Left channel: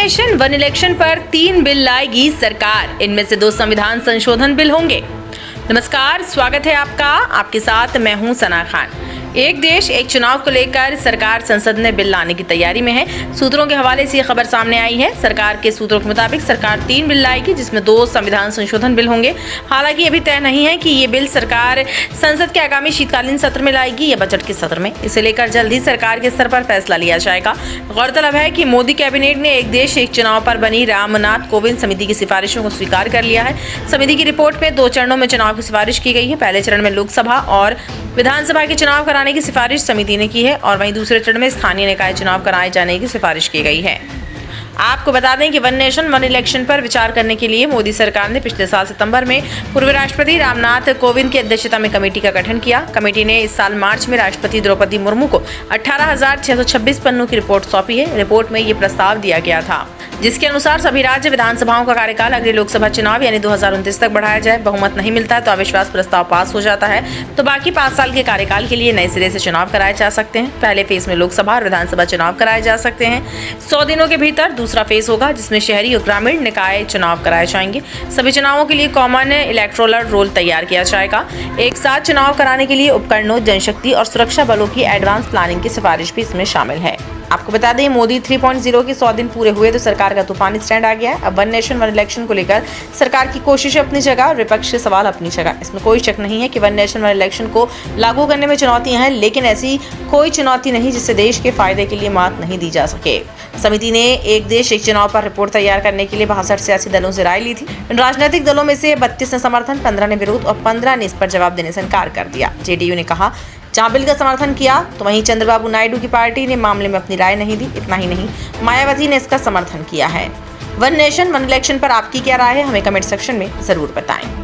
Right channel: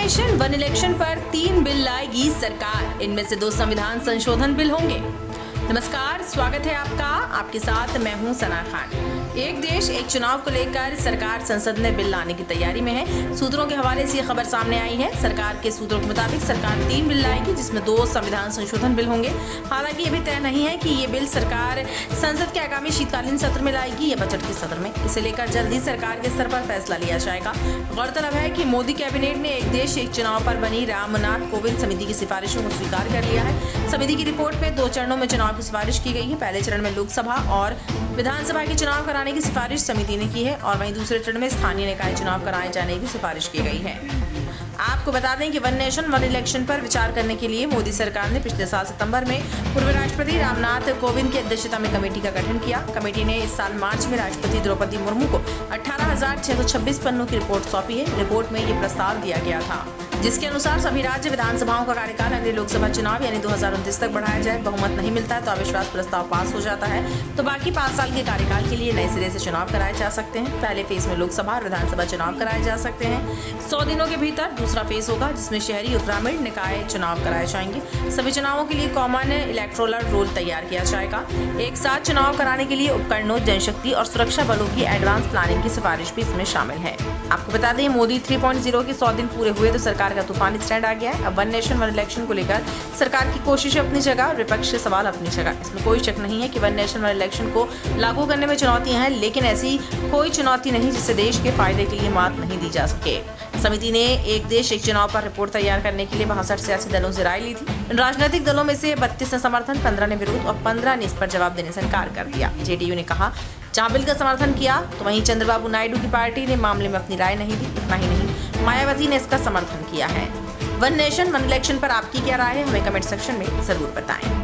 Nation one election पर 3 bill लाएगी सरकार। इनमें से 2 संविधान संशोधन बिल होंगे। नमस्कार, स्वागत है आपका। आपके साथ मैं हूं सना खान। एक देश एक चुनाव को लेकर सरकार संसद में बिल लाने की तैयारी में है। सूत्रों के हवाले से ये खबर सामने आई है। सरकार के सूत्रों के मुताबिक सरकार 3 बिल लाएगी, जिसमें 2 संविधान संशोधन बिल होंगे। हालांकि अभी तय नहीं है कि ये बिल सरकार संसद के आगामी शीतकालीन सत्र में लाएगी या बजट के सत्र में। इसे लेकर जल्द ही सरकार के स्तर पर फैसला लिया जाएगा। गौरतलब है कि मोदी कैबिनेट ने एक देश एक चुनाव पर बनी रामनाथ कोविंद समिति की सिफारिशों को स्वीकार कर लिया है। समिति की रिपोर्ट में 2 चरणों में चुनाव की सिफारिश की गई है। पहले चरण में लोकसभा और विधानसभा के चुनाव कराने की सिफारिश समिति ने की है और वहीं दूसरे चरण में स्थानीय निकाय चुनाव कराए जाने की सिफारिश की गई है। आपको बता दें कि वन नेशन वन इलेक्शन पर विचार करने के लिए मोदी सरकार ने पिछले साल सितंबर में पूर्व राष्ट्रपति रामनाथ कोविंद की अध्यक्षता में कमेटी का गठन किया। कमेटी ने इस साल मार्च में राष्ट्रपति द्रौपदी मुर्मू को 18,626 पन्नों की रिपोर्ट सौंपी है। रिपोर्ट में ये प्रस्ताव दिया गया था, जिसके अनुसार सभी राज्य विधानसभाओं का कार्यकाल अगले लोकसभा चुनाव यानी 2029 तक बढ़ाया जाए। बहुमत नहीं मिलता है तो अविश्वास प्रस्ताव पास हो जाता है, तो बाकी 5 साल के कार्यकाल के लिए नए सिरे से चुनाव कराए जा सकते हैं। पहले फेज में लोकसभा और विधानसभा चुनाव कराए जा सकते हैं। 100 दिनों के भीतर दूसरा फेज होगा, जिसमें शहरी और ग्रामीण निकाय चुनाव कराए जाएंगे। सभी चुनावों के लिए कॉमन इलेक्टोरल रोल तैयार किया जाएगा। एक साथ चुनाव कराने के लिए उपकरणों, जनशक्ति और सुरक्षा बलों की एडवांस प्लानिंग की सिफारिश भी इसमें शामिल है। आपको बता दें, मोदी 3.0 के 100 दिन पूरे हुए तो सरकार का तूफानी स्टैंड आ गया है। अब वन नेशन वन इलेक्शन को लेकर सरकार की कोशिश अपनी जगह और विपक्ष के सवाल अपनी जगह। इसमें कोई शक नहीं है कि वन नेशन वन इलेक्शन को लागू करने में चुनौतियां हैं, लेकिन ऐसी कोई चुनौती नहीं जिससे देश के फायदे के लिए मात नहीं दी जा सके। समिति ने एक देश एक चुनाव पर रिपोर्ट तैयार करने के लिए 62 सियासी दलों से राय ली थी। इन राजनीतिक दलों में से 32 ने समर्थन, 15 ने विरोध और 15 ने इस पर जवाब देने से इनकार कर दिया। जेडीयू ने कहा, जहां बिल का समर्थन किया तो वहीं चंद्रबाबू नायडू की पार्टी ने मामले में अपनी राय नहीं दी। इतना ही नहीं, मायावती ने इसका समर्थन किया है। वन नेशन वन इलेक्शन पर आपकी क्या राय है, हमें कमेंट सेक्शन में जरूर बताएं।